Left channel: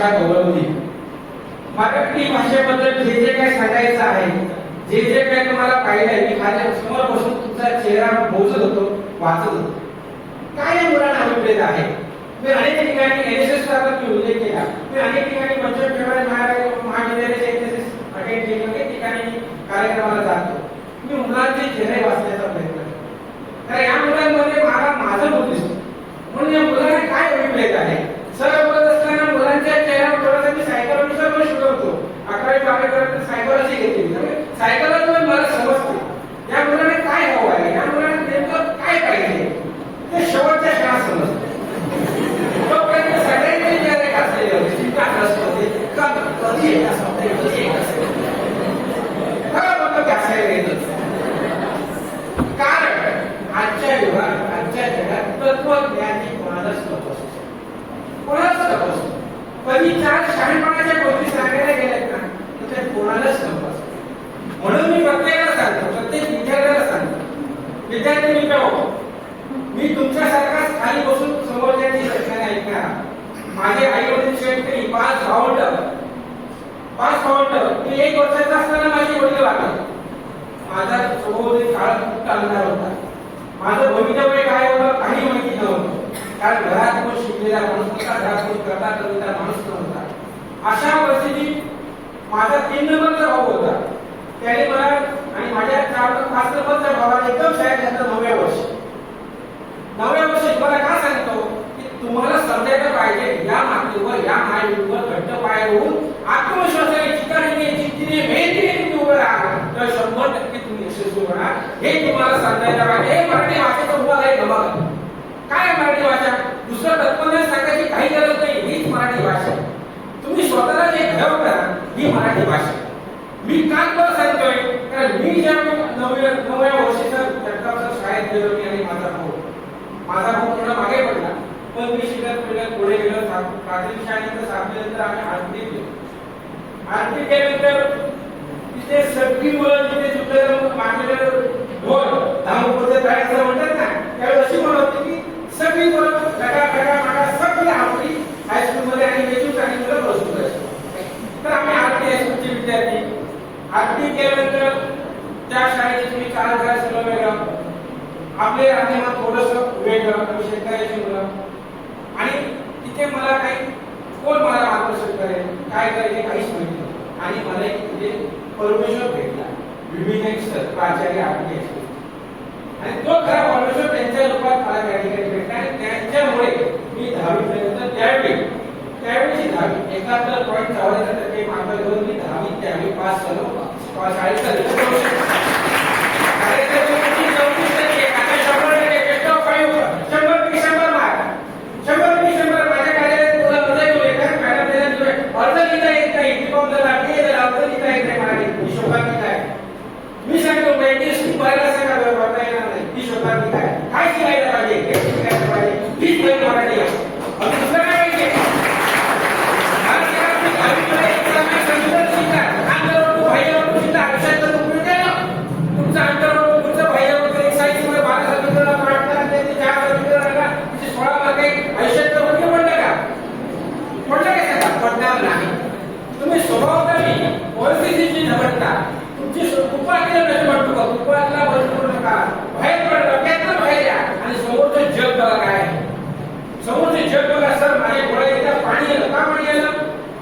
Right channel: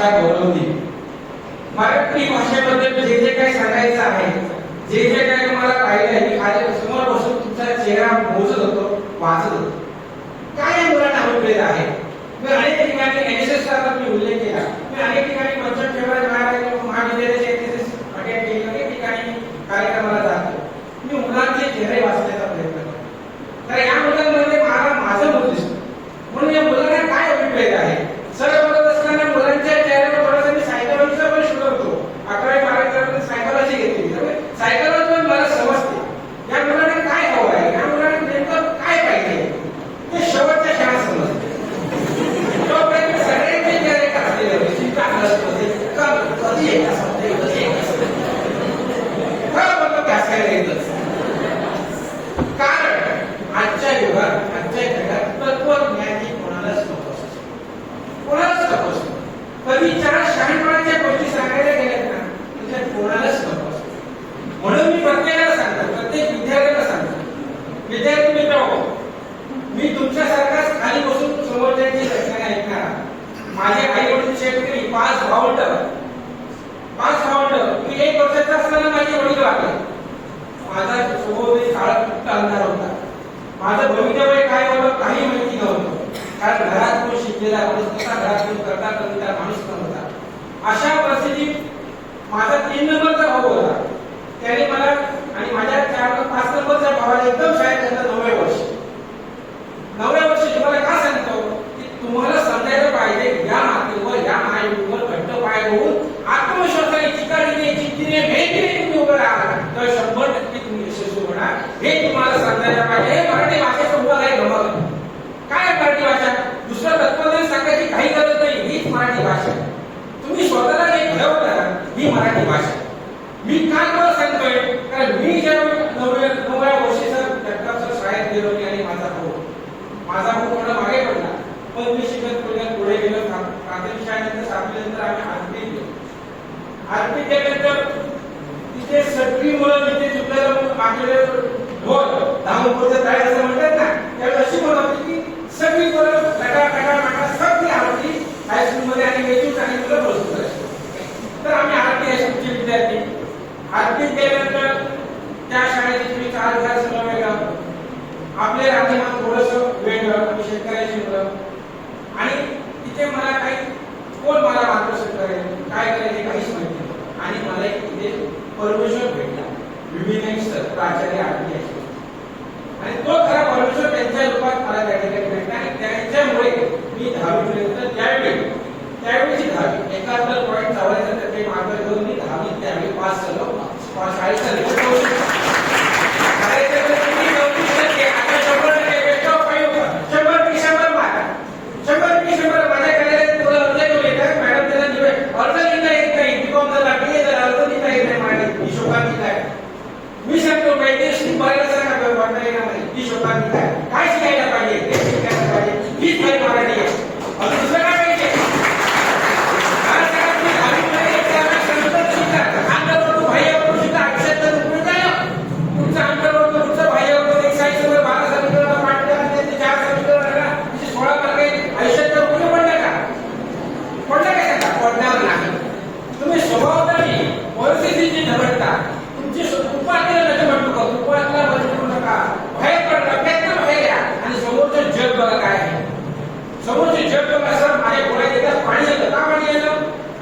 भाषा गौरवली. मराठी भाषेबद्दल जे जे काही सांगायचं आहे, जे जे काही तुम्हाला पाहिलं आहे, मी खाली समोर बसून तुमचा चेहरा मोजत होतो, वाचत होतो. काय मुलांना अभिप्रेत आहे. मी अनेक ठिकाणी एनएसएसचा मी उल्लेख केला. मी अनेक ठिकाणी पंचायत ठेवायला महाविद्यालयाचे एनएसएस अटेंड केले, अनेक ठिकाणी कार्यक्रमाला जातो. मी मुलांचे चेहरे वाचण्याचा प्रयत्न करतो. तर या मुलांमध्ये मला माझं मूल दिसतो. म्हणून या मुलांना काय अभिप्रेत आहे. सर्व बोलत असताना मुलांच्या चेहऱ्यावर थोडासा मी सायकोलॉजीचा प्रश्न करतो. 11वी 12वी सायकोलॉजी घेतली. सायकोलॉजी मला समजते या मुलांना काय हवं आहे, या मुलांना नेमकं काय पाहिजे ते शेवटच्या क्षणात समजते. तोपर्यंत सगळ्यांचे चेहरे असलेले होते. स्वीकार नसते कधी येत असते, कधी येत असते खरं बोलतो त्यासाठी येतच. कारण आजच्या युगात, आजच्या जगात तत्वज्ञानी कोणालाच नको असतो, कोणालाच नको असतो. कधी 4 शहाणपणाच्या गोष्टी सांगायला गेल्यात ना, तर कोणालाच नको असतो. म्हणून मी प्रत्येकाला सांगतो, प्रत्येक विद्यार्थ्याला सांगतो, विद्यार्थी मित्र, मी तुमच्यासारखाच खाली बसून समोरच्याची रचना ऐकणार. माझे आई वडील शेतकरी, 5 भावंड. मी 1 वर्षाचा असताना माझे वडील वारले. माझा स्वभाव काळ चालणार होता. माझं भवितव्य काय होतं काही माहिती नव्हतं. कारण घरात कोण शिकलेला माणूस नव्हता, घरात कोण करता माणूस नव्हता. अशा परिस्थितीत माझा 3 नंबरचा भाऊ होता. त्याने मला आणि माझ्या 4-5 नंबरच्या भावाला एकदम शाळेत घातलं 9व्या वर्षी. 9व्या वर्षी तुम्हाला का सांगतो की तुम्हाला समजायला पाहिजे या मातीवर, या मायेवर घट्ट पाय होऊन आत्मविश्वासाने चिकारीने जिद्दीने मेहनतीने तुम्ही उभं राहा तर 100% तुम्ही यशस्वी होणार. हे तुम्हाला समजायला पाहिजे. हे मराठी भाषेचं तुम्हाला हे गमक काय आहे. मराठी भाषा दुसरं तत्वज्ञान सांगायची काही गरज नाही. हीच मराठी भाषा. तुम्ही स्वतःला जे ठेवता ही मराठी भाषा. मी काल पण सांगतोय कारण मी जेव्हा 9व्या वर्षीचा घटकाचा शाळेत गेलो आणि माझा भाऊ थोडा मागे पडला, पण मी शिकत पुढे गेलो. प्राथमिक शाळेनंतर 7वी नंतर आम्ही आरती गेलो. आरती केल्यानंतर तिथे सगळी मुलं जिथे चुकलेलं मागलेले ढोल धामपूरचे ताळे असं म्हणतात ना, त्यावेळी अशी म्हणत होती की सगळी मुलं गटा सगळी आरती हायस्कूलमध्ये आणि वेचून चांगली मुलं बसू करायची. तर आम्ही आरती हायस्कूलचे विद्यार्थी आरती केल्यानंतर त्या शाळेचे तुम्ही 4,000 सगळं वेगळं, आपले राहणीमान थोडंसं वेगळं, शेतकऱ्याची मुलं. आणि तिथे मला काही कोण मला मार्गदर्शन करेल, काय करायचे काहीच माहिती नाही. आणि मला एक तिथे परमेश्वर भेटला, विभिन्न सर प्राचार्य आरती हायस्कूल. आणि तो खरा परमेश्वर त्यांच्या रूपात मला त्या ठिकाणी भेटला. आणि त्यांच्यामुळे मी 10वी पर्यंत त्यावेळीची 10वी 71.44% मार्क घेऊन मी 10वी त्यावेळी पास झालो. शाळेचा रिझल्ट मी सांगतो पाहिजे भरायला सांगा वाटता येणार नाही. ही शोधात काय शिकायला पाहिजे, हे शिकायला पाहिजे. हीच काही मराठी आहे. दुसरं काय पाहिजे तुमचा अंतर्वर्ग तुमचं बाह्यवर्ग एक साईड 12 समीकरण पाठ करा, 4 समीकरण आला 16 मार्क आयुष्यात उपयोग पडलं का? पडलं काय सांगा? पडणार नाही. तुम्ही स्वभावतानी परिस्थितीची झगडता तुमची उपाधीला नका म्हणतो का, उपाधीला बसू नका, बाहेर पडा, त्यातनं बाहेर या आणि समोरचं जग बघा काय आहे. समोरचे जग बघा. सर माझ्या डोळ्यात पाणी आलं. का पाणी आलं?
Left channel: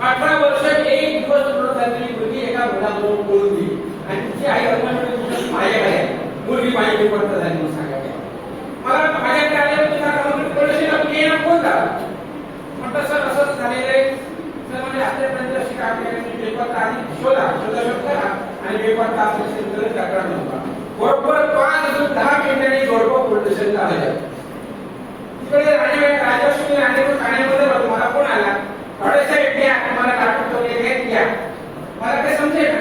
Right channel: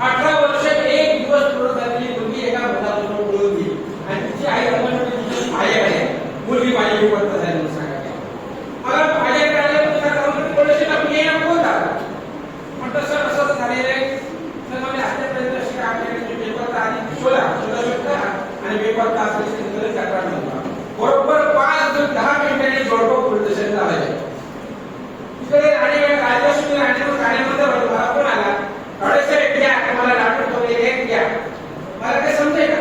18 वर्ष 1 दिवस पूर्ण झालेली मुलगी एका मुलाबरोबर बोलून गेली आणि तिची आई अंगणवाडी माये आहे, मुलगी माझी विपत्त झाली म्हणून सांगायला. मला माझ्याकडे आल्यानंतर पोलिसांना कोण झाला म्हटलं सर असं झालेलं आहे. तर मला आतापर्यंत अशी काम केली पेपर आधी शोधा आणि पेपर तास तक्रार नव्हता. बरोबर 5-10 मिनिटांनी जोडपं पोलीस स्टेशनला आले. तिकडे राजलक्ष्मी ठाण्यामध्ये मला कोण आला साहेब घ्या मला लाटून वगैरे घ्या. मला काय समजेल ना.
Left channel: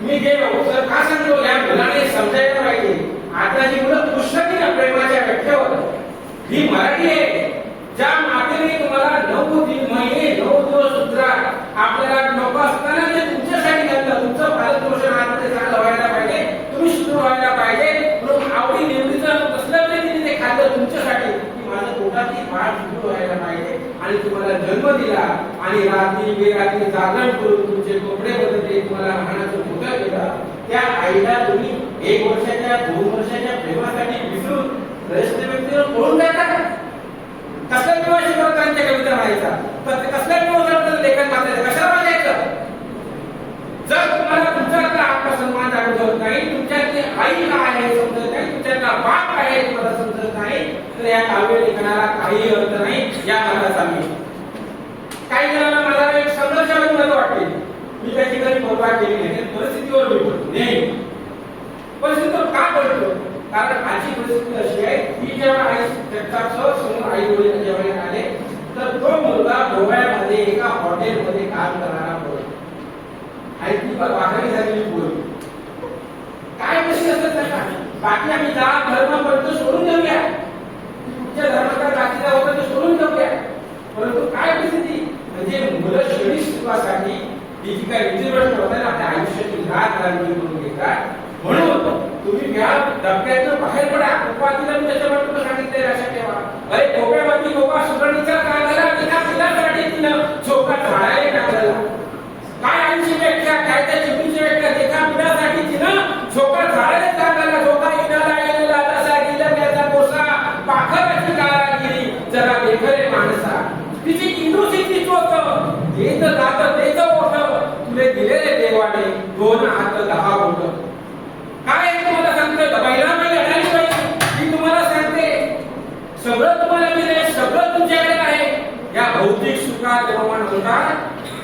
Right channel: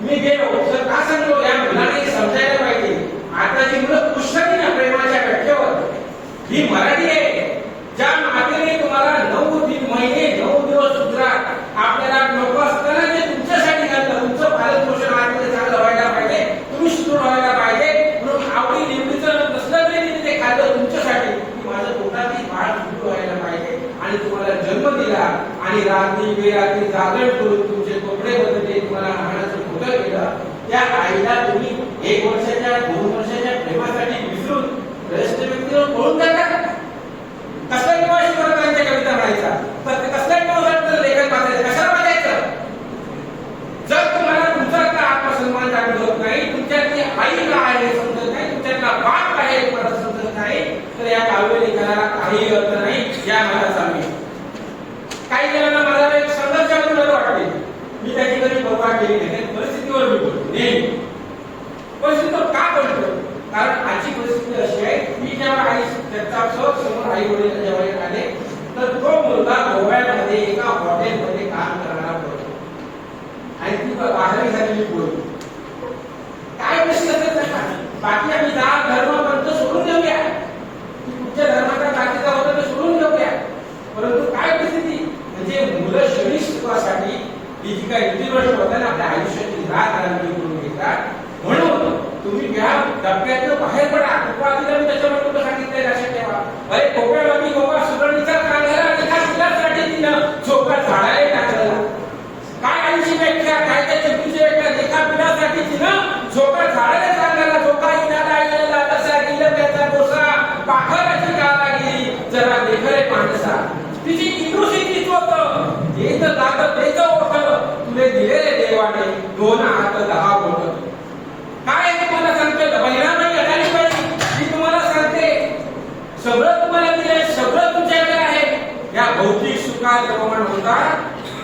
मी गेलो तर का सांगतो या मुलाने समजायला पाहिजे. आता जी मुलं पुस्तकी ना प्रेमाच्या व्याख्यावर ही मराठी आहे. ज्या मातेने तुम्हाला 9 महिने 9 दिवस सुद्धा आपल्याला नको असताना जे तुमच्यासाठी घातलं, तुमचं पालन पोषण आतमध्ये चांगलं व्हायला पाहिजे, तुम्ही सुदृढ व्हायला पाहिजे म्हणून आवडी निवडीचं नसलं तरी तिने ते खाल्लं तुमच्यासाठी की माझं पोटातली बाळ सुदृढ व्हायला आणि रात्री बेरात्री जागरण करून तुमचे कपडे बदलले, तुम्हाला राहण्याचं मोठं केलं, त्या आईला तुम्ही 1 वर्षाच्या 2 वर्षाच्या प्रेमासाठी विसरून रस्ते व्यक्तीवर पळून जाता? कसल्या निवासी त्यांच्या कविता म्हणायचा, कसल्या निवासाबद्दल लेखन वाचायचं, कशाला वाचायचं? जर तुम्हाला तुमच्यातला आत्मसन्मान जाणून होत नाही, तुमच्यातली आई काय आहे समजत नाही, तुमच्यातला बाप काय आहे तुम्हाला समजत नाही, तर या काव्य लेखनाला काही अर्थ नाही. या मनाचा मी काही जणांना मला एक संघर्षामध्ये मला वाटते, मी त्याची कधी परवा केली नाही, परिस्थितीवर मी बोलतो नेहमी. परिस्थिती का पडतो? कारण आजची परिस्थिती अशी आहे, मी जेव्हा आई जगतापसह समोर आई वडील जेव्हा आले, तर तो मुलगा गोव्यामध्ये एका हॉटेलमध्ये काम करणारा होता आणि ती बाहेर झालेली बोलली. काय प्रश्न असतात? बाकी आम्ही जात धर्मापर्यंत सोडून देऊया, तुमच्या धर्माचा जातीचा होता ते सोडून देऊया, परंतु काय परिस्थिती म्हणजे मुलं शरीर सुखासाठी ही जी काही रीतिभ्रष्ट होता ना आपल्या आयुष्याची रात रांगी करून घेतात. म्हणून तुम्ही घ्या डबक्यातनं बाहेर पडा. उपवादीला मी त्याच्यामुळे तुला सांगितलंय, लक्षात ठेवा. अरे कोप्यामध्ये कोपा सुगरणीचा काळ झाला, एका पिलासाठी तिनं झोका झाडाला टाकला. काय आईची व्याख्या, काय त्या चिपीची व्याख्या, एका पिलासाठी तिनं झोका झाडाला टाकला. झोका इनाला गेलेला तसा गेला त्याचा कोसा, पाखराची कारागिरी जरा देखरे माणसा. तिची इंदुसिती चोख येत जात तेच ओठ, तुले दिलेले देवाने 2 हात 10 बोट. काय तुम्हाला सांगतोय? बैरामाई अडाणी बाई मी तुम्हाला सांगते, सगळं तुम्हाला दिलंय, सगळं तुमच्याकडे आहे. या भौतिक सुखात रमण होता,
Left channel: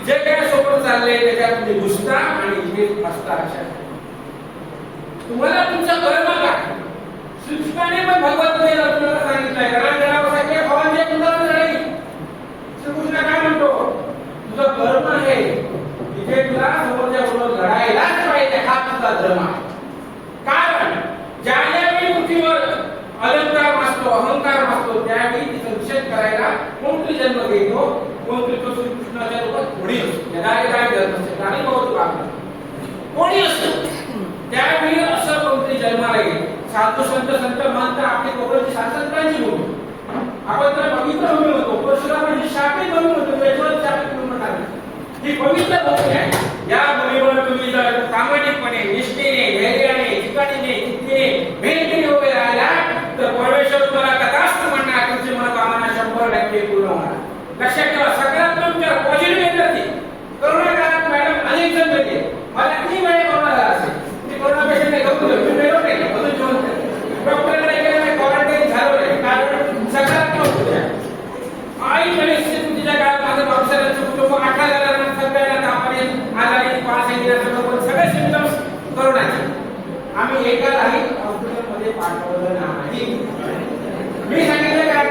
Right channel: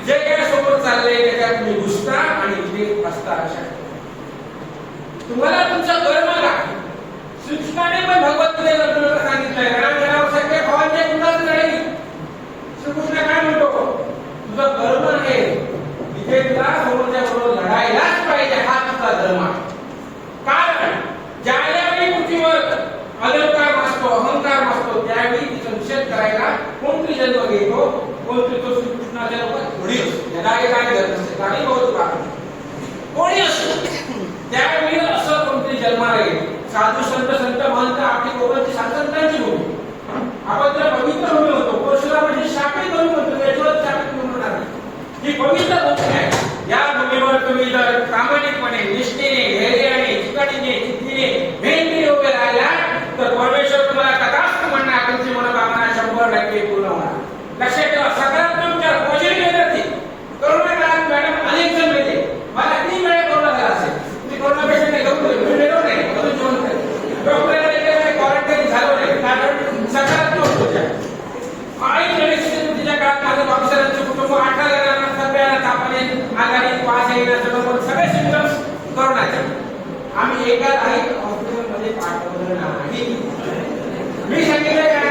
जे काय सोबत चाललंय त्याच्यात तुम्ही घुसता आणि इथे असता. तुम्हाला तुमचं कर्म काय? श्रीकृष्णाने पण भगवद्गीतेला तुम्हाला सांगितलंय, रांगणावर भावांचे कुणाच नाही. श्रीकृष्ण काय म्हणतो? तुझं कर्म आहे, तिथे तुला समोरच्या बरोबर लढायलाच पाहिजे, हा तुझा धर्म. कारण ज्यावेळी पृथ्वीवर अलंकार वाचतो, अहंकार वाचतो, त्यावेळी तिचा निषेध करायला कोणतरी जन्म घेतो, कोणतरी तो श्रीकृष्णाच्या लोकात कोणी असतो, काय धर्म असते काही बहुत कोणी असतो, त्यावेळी असं कोणतरी जन्माला येईल. साधू संत महंत आपली कोकणाची शास्त्रांची भूमी, आपण तर पवित्र भूमी होतो, परशुरामाची शापित भूमी होतो, यशवंत शापित भूमी म्हणणार ही पवित्र भूमी आहे. या भूमीवर तुम्ही जर प्रामाणिकपणे, निष्ठेने, धैर्याने, चिकाटीने, जिद्दीने, मेहनतीने उभे राहिला तर परमेश्वर तुम्हाला तथास्तु म्हणणार, तुमची मनोकामना 100% पूर्ण होणार. लक्षात ठेवा, सकारात्मक विचार, पॉझिटिव्ह एनर्जी. करोना काळात मॅडम अनेक जण मिळते, मला किती वेळ कोरोना झाला असेल, तुम्ही कोरोना पेशंट नाही घेऊन मी मिळवलं नाही, अजून जिवंत आहे, डॉक्टरकडे गेले नाही, क्वारंटाईन झालं नाही, कारण सकारात्मक विचार. आई तिच्या काळात माझं ऑफिसरांचं कुटुंब 18 जणांना सगळ्यांना तापाने आजारी पास सगळे सिम्पटम्स करोनाचे. आम्ही एकालाही हॉस्पिटलमध्ये पाठवलं नाही. मी सांगितलं काय?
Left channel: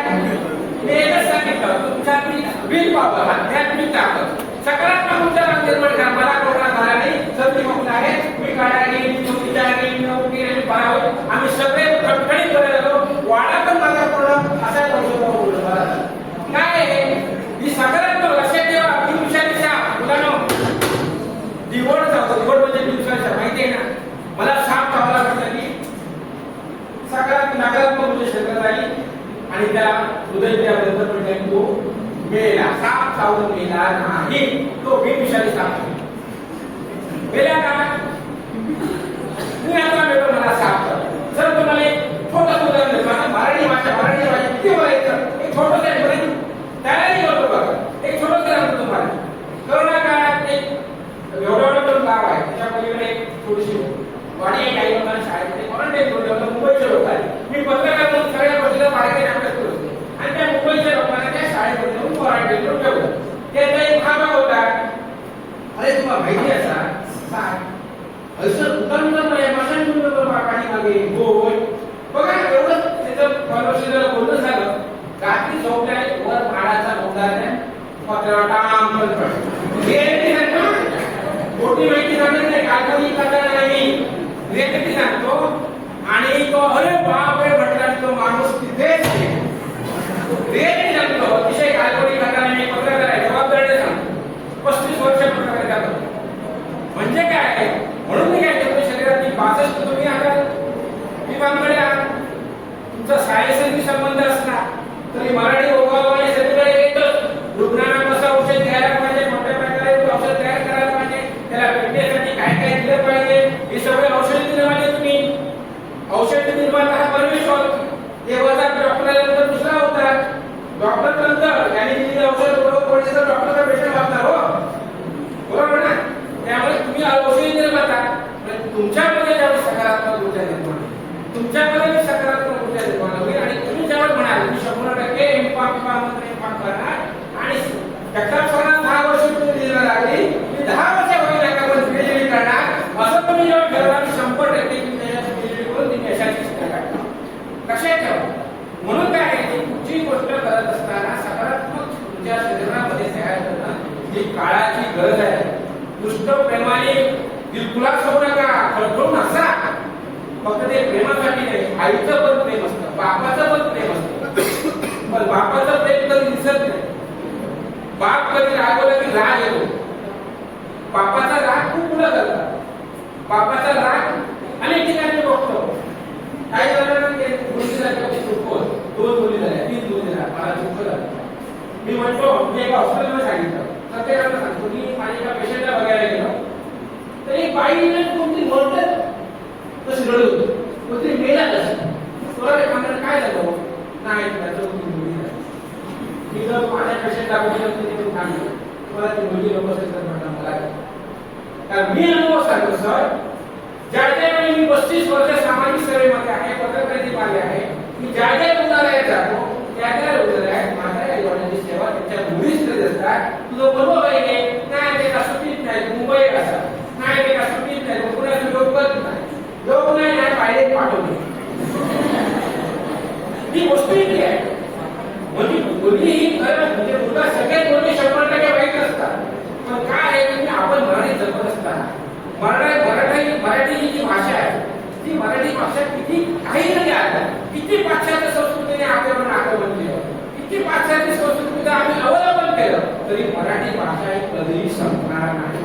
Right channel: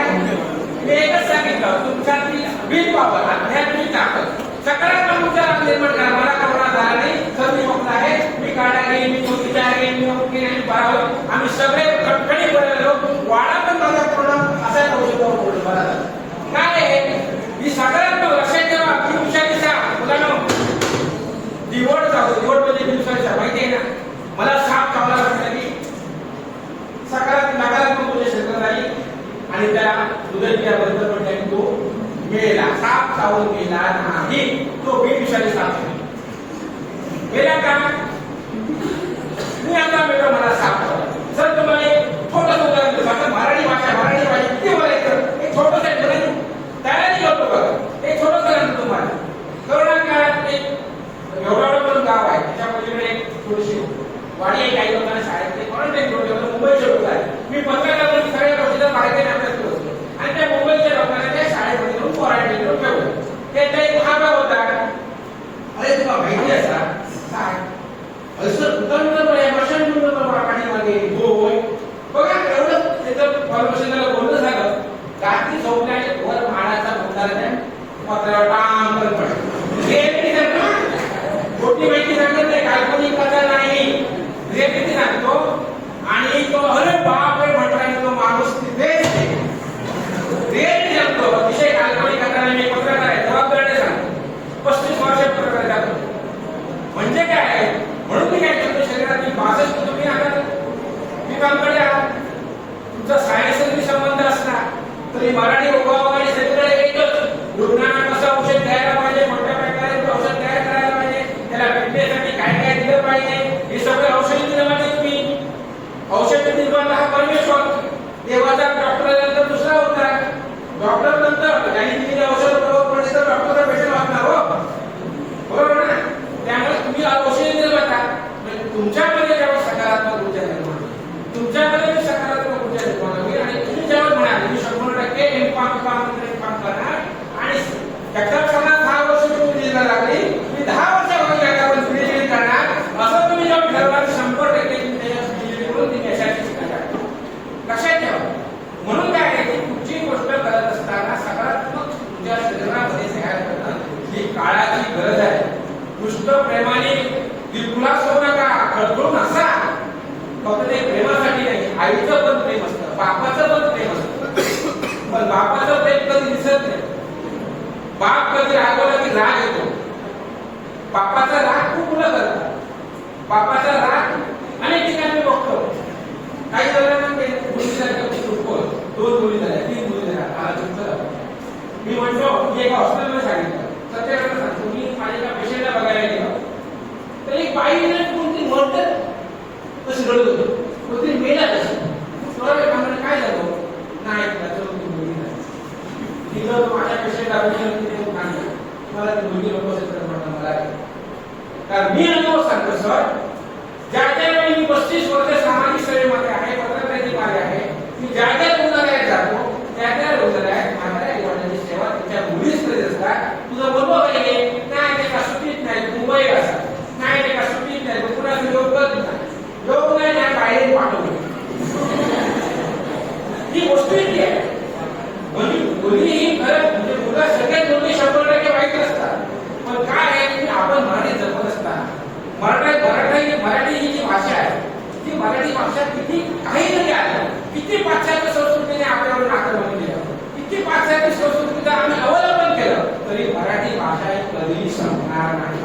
मी एकच सांगितलं, तुमच्यातली विल पॉवर, आध्यात्मिक ताकद, सकारात्मक विचार निर्माण करा. मला कोरोना झाला नाही, सर मी मोकळा आहे, मी काढा घेईन, मी चुकीचा आहे, मी नोकरी नाही, मी बराबर. आम्ही सगळे खटखटी करायला वाडा पण माझा कोरोना असा औषध बरा झाला. काय आहे ही सकारात्मक? लक्षात ठेवा, मी हुशारीचा मुलांनो दिवड जातो, दिवड म्हणजे दिवसाचा माहिती आहे ना. मला साप चावला की सकारात्मक नकारात्मक म्हणजे शरीरात आली आणि त्याला हृदय बंद पडल्याने तो मेला. साप चावून मेला नाही, तो बेविषारी साप मेला का? मी आता बेटा मला साप चावला. सर तुम्हाला एक छोटं उदाहरण देतो, मराठी भाषा किती बोलायचं, एक छोटंसं तयारी करतो बघा. एक छोटंसं सांगतो तुम्हाला. करोना काळात एक एवढं गाव आहे, त्याच्यामध्ये एक छोटीशी वाडी आहे. काही लोकांना शाळेत क्वारंटाईन करून ठेवलं, मुंबईचे लोक आहेत. मी पत्रकार म्हणून सगळ्या गोष्टीचा मार्केट अभ्यास करत होतो आणि त्या मुंबईच्या लोकांना त्या शाळेमध्ये येऊन क्वारंटाईन करून ठेवलं. त्याचा एक भाग होता, अरे तुम्हाला माहिती आहे काय असं उदाहरण एमर्शन पाणी मागे होय बघा. एवढं त्याचं परमेश्वराला बोलणं झालं. रात्री झोपल्या वर माडाचा बोलणार आहे, पत्रावर टांग मोठी माहिती सांगत नाही, काल्पनिक कथा नाही, रिअलिटी सांगतो. आणि तो अरे बाप रे म्हटला तो माणूस तिथेच रिअलिटी सांगतो, अतिशय काल्पनिक कथा नाही. पत्रकार आहे, जबाबदारीने सांगतो. 35 वर्ष पत्रकार करतो म्हणजे काय? म्हणून मी काय करतो, शरीरातली 62 तुम्ही आता विभागाकडे आहात, तुमचा सायन्सशी संबंध असला तरी मराठी उभाव आणि सगळीकडे एकच रुग्णांना कसं औषध घ्यायला पाहिजे, ठरवणार 100% तुम्ही यशाची शिखर गाठता. लक्षात ठेवा. म्हणून काय आहे की कुठची गोष्ट करत असताना सकारात्मक तुमच्या शरीरामध्ये तयार करणं ही काळाची गरज आहे. दुष्ट प्रेमाने दिलखुलास होऊ नका, खळखळून हसा. फक्त ते प्रेमासाठी नाही, आईचं पण प्रेम असतं, बापाचं पण प्रेम असतं. पण बापाचं प्रेम कधी दिसत नाही. बाप कधी रागवला की राग येतो. बापाचा राग खूप मुलं करतात. बापाचा राग अनेक ठिकाणी बघतो. काही जणांना मुली झाल्या, दोन मुली झाल्या, 3 मुली झाल्या, मला दुःख झालं. मी म्हणतो मी एका हॉस्पिटलमध्ये सांगितलं, सत्याग्रह सांगतो, मी माझ्या एका पेशंटला बघायला गेलो तर एक बाईने कोणती म्हणतात कसं रडत होतं, कोणतरी मेला कसं स्वराच्या कामाला काय झालं नाही त्याचं मुली ती जर माझ्या पेशंटला मला ती मुलगी लोक असेल तर म्हणणं मला कारण मी अनुभव सांगतो सर. ज्या वेळी मी 35 वर्ष सामाजिक सेवेमध्ये आहे, पत्रकारितेमध्ये आहे, मी ज्या रुग्णालयात जातो त्या रुग्णालयात माझ्या आईवडिलांची सेवा त्यांच्या मुलीच करीत असतात. तुझं बरोबर आहे नाही ते का सुट्टीत नाही, मुंबई असतात नाही ते का सुट्टीत नाही, कुणाचं योग करत नाही, योग नाही बाहेर पाठवले. ही गोष्ट इतकी आहे. म्हणजे मुली ही खरं म्हणजे मुलं सगळ्यात मोठे 100% वाईट असतात. पण काय आहे की आपण मराठी जपत असताना मराठी ही जी भाषा आहे ती मराठी भाषा किती काही जरी आलं, किती पाश्चात्य संस्कृतीने आपल्याकडून आक्रमण केलं, किती पाश्चात्य संस्कृतीचं आम्ही अवलंबन केलं तरी मराठी भाषा ही कधीही संपणार नाही.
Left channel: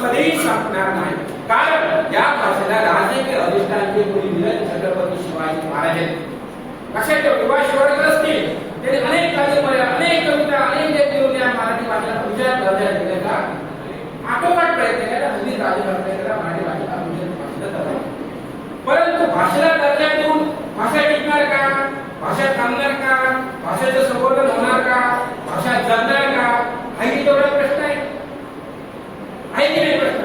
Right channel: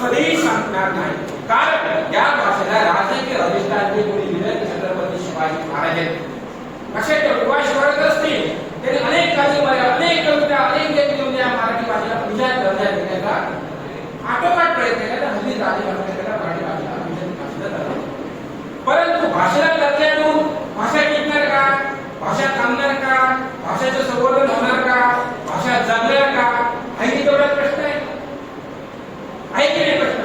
कधीही संपणार नाही. कारण या भाषेला राजकीय अधिष्ठान कोणी दिलं छत्रपती शिवाजी महाराज. लक्षात ठेवा. शिवाजी असतील त्यांनी अनेक अनेक कविता अनेक लेख लिहून या मराठी भाषेला पुढच्या दर्जा देण्याचा आटोकाट प्रयत्न केला. हल्ली राजकारणाला मराठी भाषेला परंतु भाषेला दर्जा देऊन भाषा टिकणार का, भाषा थांबणार का, भाषेचं संवर्धन होणार का, भाषा जगणार का, हाही तेवढा प्रश्न आहे की नाही प्रश्न.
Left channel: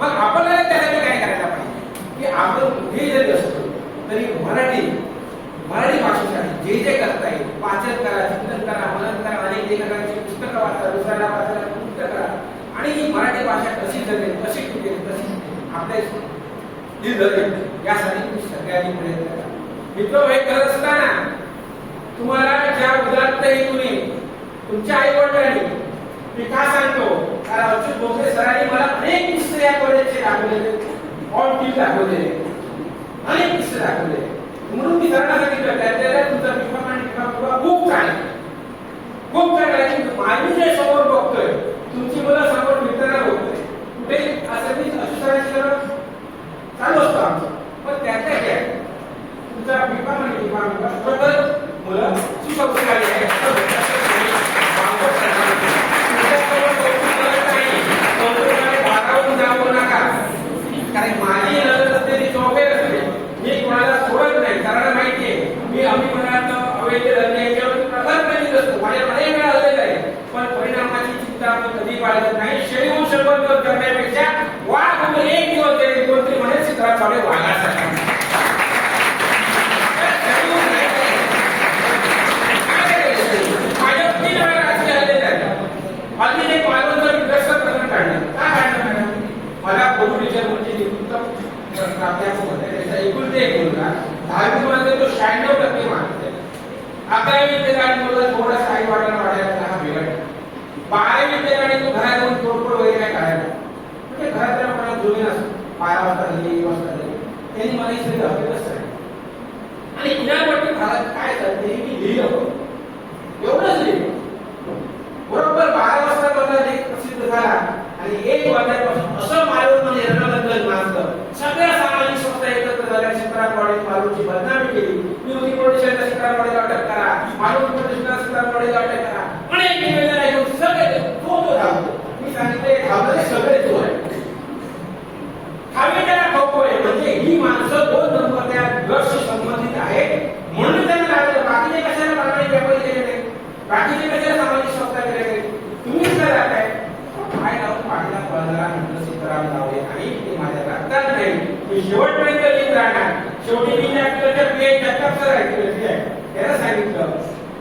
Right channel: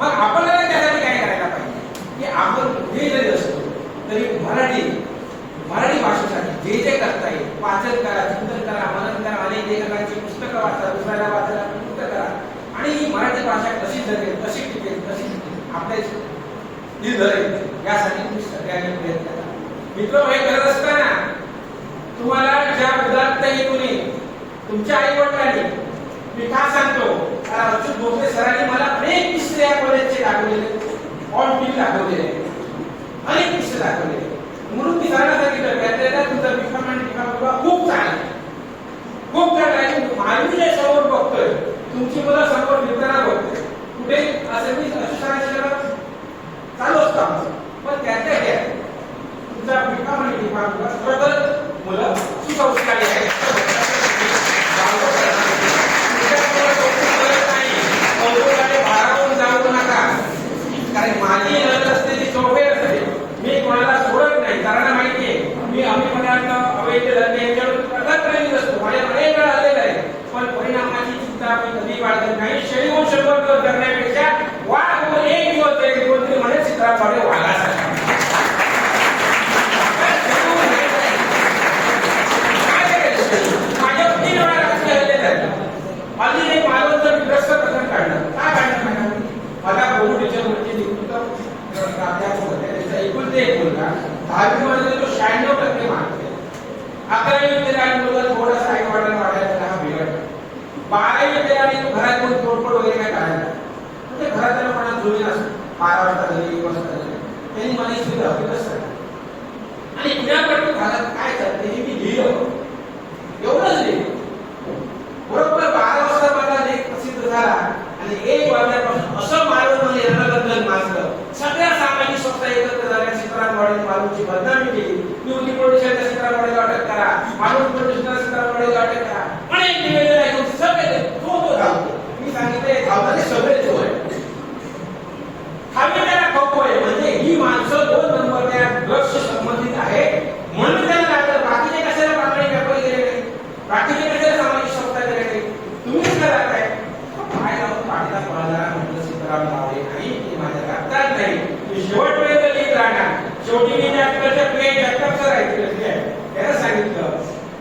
मग आपल्याला त्यासाठी काय करायला पाहिजे की आपण कुठेही जरी असतो तरी मराठी भाषेसाठी जे करता येईल वाचन करा, चिंतन करा, मनन करा, अनेक लेखकांची पुस्तकं वाचा, दुसऱ्याला वाचायला पुस्तक करा आणि ही मराठी भाषा कशी जगेल, कशी टिकेल, कशी आपल्या धरेल यासाठी तुम्ही सगळ्यांनी प्रयत्न करा. मित्र हे करत असताना तुम्हाला ज्या उदात्त हेतूने तुमच्या आई वडिलांनी मी का सांगतो कारण अच्युत भोसले सरांनी मला अनेक किस्से या कॉलेजचे दाखवलेले, ऑन टीम दाखवलेले, अनेक किस्से दाखवलेले. म्हणून मी सरांना सांगितलं त्यातल्या तुमचा विक्रम आणि खूप चांगला खूप चांगला. माझी जे समोर बघतोय तुमची मुलं समोर फिरताना बघतोय कुठे असं मी अशुसरांशी चालू असतो आमचं. पण त्याच्या घ्या तुमचा विक्रम आणि खरोखर मुलं सुसंस्कारी आहेत. बारावून जाऊ नका कारण माझी लढत असते ती चौफेर असते. मी कोणाला सोडत नाही कारण माहितीये मी आम्ही पदार्थ अवैध याच्यावर प्रगत असतो. माझ्या अनेक वेळा आलेला आहे पण परिणामाची चिंता मी कधी बाळगत नाही. शेळीहून 100 दिवस जगण्यापेक्षा वाघ एक दिवस जगेल कोणतरी म्हणेल चित्राकडे वाघासाठी माझ्यावर 3 वेळा राजकीय हल्ले झाले. अगदी एक मालवणचं विग्रस्त प्रकरण काढलं. काय काढलं मॅडम मला कोविडच्या गोष्टी एकुलते एक मुलगा 10वी मध्ये तो 96% मार्क. 11वी विद्यालय आणि मुलं थोडासा आई वाढायला वाढायला बिघडला. 12वी विद्यालय तो घरात येऊन तोडफोड वगैरे काय काढायला म्हणजे घरात त्याला मला जुळून असं 12 वाजता घरी 1 वाजता घरी त्यांनी मला ही सगळी हकीकत सांगितली आणि पुण्यापट्टी घरात काय करते मी लिहिलं एवढंच लिहिलं. बरोबर 12 वाजता माझा लेख प्रसिद्ध झाला आणि 1 वाजल्यापासून असं मालवणमध्ये रणरंगण माजलं. सगळ्या सामाजिक संस्था एकत्र झाल्या. सीताराम वाडेने मालवणची बदनामी केली. निवृत्ती पोलिसांना सीताराम वाडेला अटक करा, मालवण पोलिसांना सीताराम वाडेला अटक करा. अनेक निवेदन ऐकून सगळे तो धावतो. मी सांगितले धावणारे सगळे जो आहे खाल्लेल्या खप्पो आहे म्हणजे ही माणसं 2 नंबरच्या ड्रग्सशी संबंधित आहे म्हणून त्यांना लागलं. बाकीचे कशाला प्रामाणिक व्यापारी गेले, बाकीचे कशाला सामाजिक संस्था गेले, तुम्हीच काय राहताय काय लावून पाडला पळला म्हटलं सीताराम लावले नाही ते माझ्या रक्तात नाही. मी शेवटपर्यंत लिहित राहणार. शेवटी मी आपल्याच्या प्ले जगताप सर आहे त्याला सांगितलं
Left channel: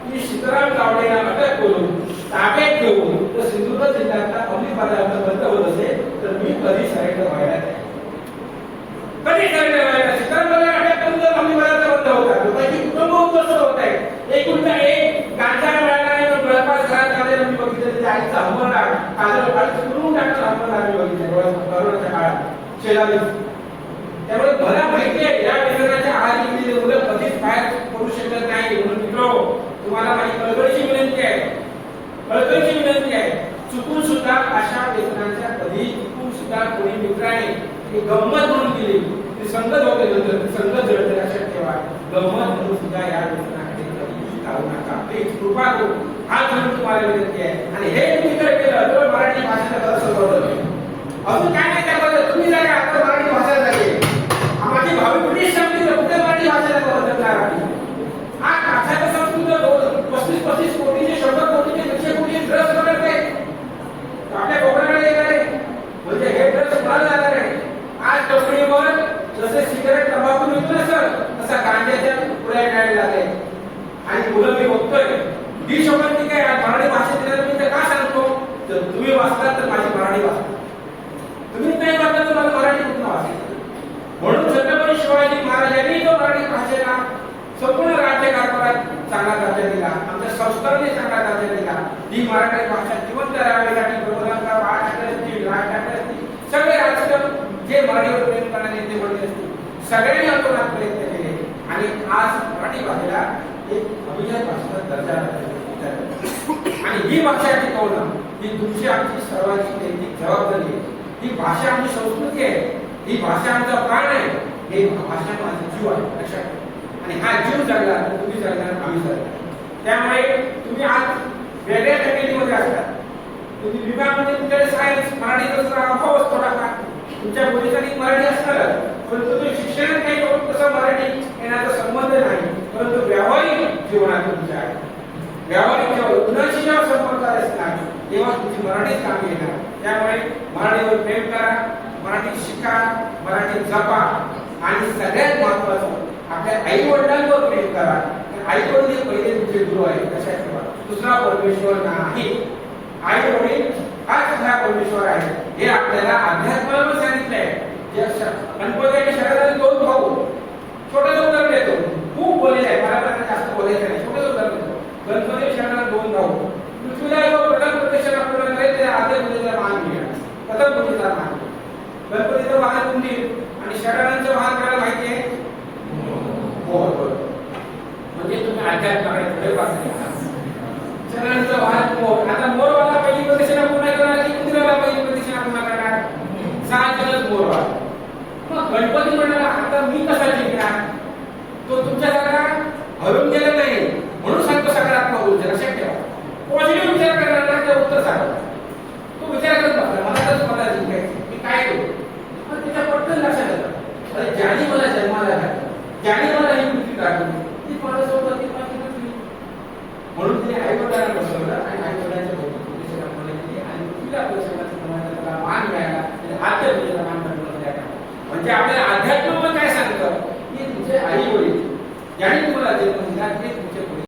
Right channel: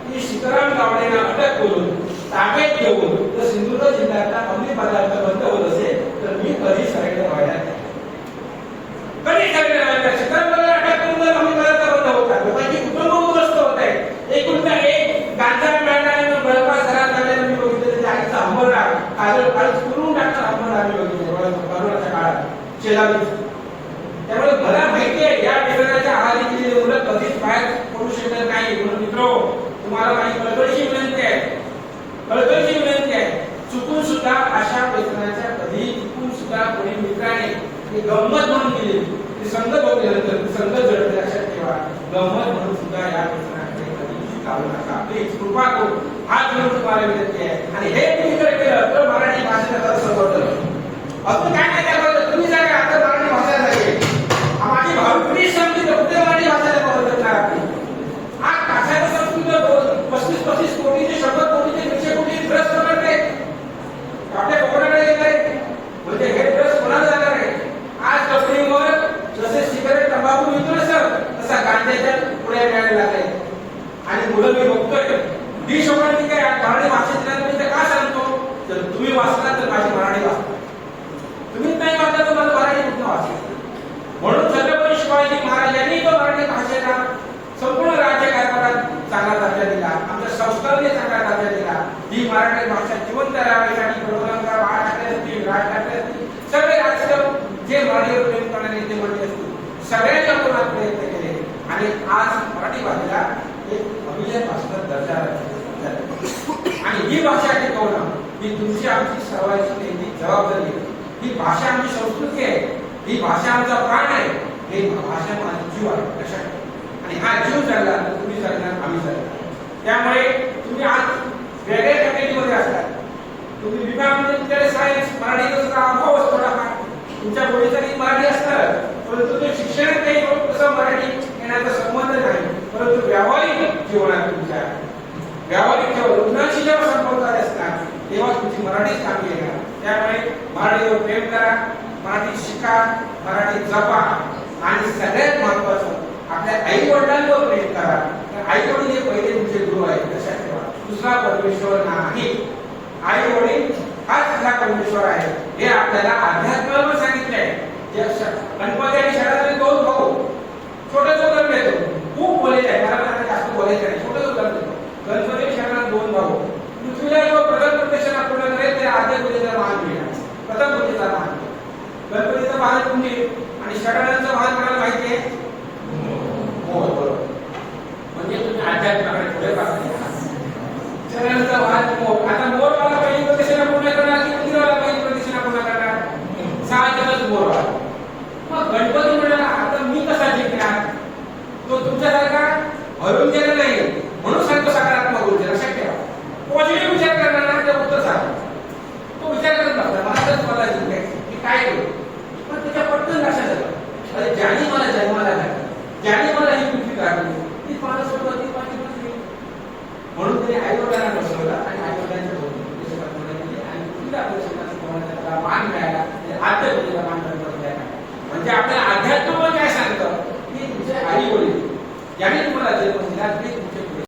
की सीताराम गावडेला अटक करून ताब्यात घेऊन जर सिंधुदुर्ग जिल्ह्यातला अंमली पदार्थ बंद होत असेल तर मी कधी साईड व्हायला अंबरनाथ काजळ करून टाकतात अंबरनाथ कोरोनाच्या काळात शेलावी. त्यामुळे मला माहिती आहे या व्यसनाच्या आहारी गेलेली मुलं कधीच बाहेर पडू शकत नाही. म्हणून मित्र तुम्हाला माझी कळकळीची विनंती आहे, कळकळीची विनंती आहे, चुकून सुद्धा अशा व्यसनाच्या कधी चुकून सुद्धा कोणी मित्राने ही गंमत म्हणून केली, ती संगत होते नंतर संगत जळते लक्षात ठेवा. गंमत म्हणून सुद्धा या व्यसनाकडे कधी जाऊ नका. प्लीज कृपा करून हात म्हणून तुम्हाला विनंती आहे. आणि हे तुम्ही जर केलं तर मराठी भाषेला समजलं. अजून काय नाही त्याबद्दल तुम्ही जरा आता मराठी भाषा झाली माझी भावी पिढी संपली तर कुठे मराठी भाषेला बदलणार आपली. आज भाषाचं संस्कृत 35 कोटीचे 100 कोटीचे 100 कोटी ड्रग्स बनवते आपल्या कोकणाकडे येणार आहे. म्हणजे हे ड्रग्स बनायला जाणार आहे. आज कंपनीवर जसे सिगारेट तंबाखू विकतो ना सर तसा गांजाच्या पुढे मिळाले जाते. आणि मुलं मी बघतोय डिशोकांनी काय मराठी भाषेत ना तुम्ही तर का सांगतो तर तुम्ही वाचला तर माझी मराठी वाचता, तुम्ही नाही वाचला तर मला मराठी कुठून वाचेल. म्हणून छत्रपती शिवाजी महाराजांनी जो मराठी भाषेला संपूर्ण राज्यकारभारात चांगला दर्जा दिला, आमच्या संस्थांनी चांगला दर्जा दिला. ही मराठी भाषा जिवंत राहावीसाठी प्रबोधनकार बाळ ठाकरे असतील, राज ठाकरे असतील, सगळे राजकीय जे मराठीवर प्रेम करणारे नेते मंडळी असतील सगळ्यांनी आंदोलनात प्रयत्न केले आणि आज मराठी भाषेला एक अभिजात भाषेचा दर्जा आणि ही भाषा टिकवणं ही तुमची आमची सर्वांची नैतिक जबाबदारी आहे. ही भाषा आमची संस्कृती आहे, ही भाषा आमचा प्राण आहे, ही भाषा माझा जीव आहे लक्षात ठेवा. आणि हा जीव जगला तर तुम्ही जगणार, आम्ही जगणार. त्यामुळे तुम्ही आज वेगळ्या कॅटेगरीमध्ये असतात. तुम्ही विभाग म्हणजे तुमच्याकडे सायन्स मराठीचा सुद्धा अभाव असतो का तुमच्या बोलीचा नीट मराठी असणार परंतु ते शिक्षणात काही तसं मराठी येण्याचा संबंध नाही. परंतु व्यावहारिक जीवनात तुमच्या व्यावहारिक जेव्हा रुग्णांशी जेव्हा संपर्क असणार तेव्हा तुमची मराठीच कामी येणार. त्यामुळे मराठीवर प्रेम करा, मराठी शिका, मराठी जपा आणि सगळ्यात महत्वाचं आपल्या आई वडिलांवर प्रेम करा. आई वडील हे पहिले तुमचे गुरु आहेत लक्षात ठेवा. दुसरा परमेश्वर नाही, आई वडील हाच खरा परमेश्वर आहे. हे आपल्याला अध्यात्मावर सांगितलंय. गणपती आणि शरणागती 2 भाऊ छोटं उदाहरण देतो, खूप बोललेलं आहे, मला पण आता जास्त बोलायचं नाही, छोटं उदाहरण देतो. गणपती आणि शरणागती 2 भाऊ पृथ्वीला जेव्हा प्रथम प्रदक्षिणा पूर्ण करेल त्याला आद्य पूजेचा मान मिळेल, प्रथम पूजेचा मान मिळेल. गणपतीचं वाहन कुंडील आणि शरणांचं वाहन कोणाला माहिती आहे? मोर. बरोबर. म्हणजे तुम्ही अध्यात्माकडे पुढे पाहता. शरणांचं वाहन मोर. आता मोरवाला पहिली प्रदक्षिणा पूर्ण करणार की मंदिराला पहिली प्रदक्षिणा पूर्ण करणार? साहजिकच मोरवाला. मग गणपती म्हणाला आता मी कसा जिंकणार? तो तुमच्यासारखा हरून गेला नाही म्हणून सांगतो सकारात्मक ऊर्जा लक्षात ठेवा. पॉझिटिव्ह विचार करणार ते उत्तर सांगा. तो विचार करत बसला मला तर मला जिंकायचं मी काय करू, पण त्याच्या पटकन लक्षात आलं अरे ज्याने मला जन्माला घातलं, ज्याने मला ही पृथ्वी दाखवली ती मला सोबत ती माझी पृथ्वी. म्हणून त्याने आई वडिलांना बसवलं आणि आई वडिलांच्या आणि पृथ्वीला त्याला मान मिळाला आणि आद्य पूजेला मान बसल्या. म्हणजे आपल्याला अध्यात्म काय सांगतं की तुझे आई वडील ज्याने तुम्हाला जन्म दिला ते तुमचे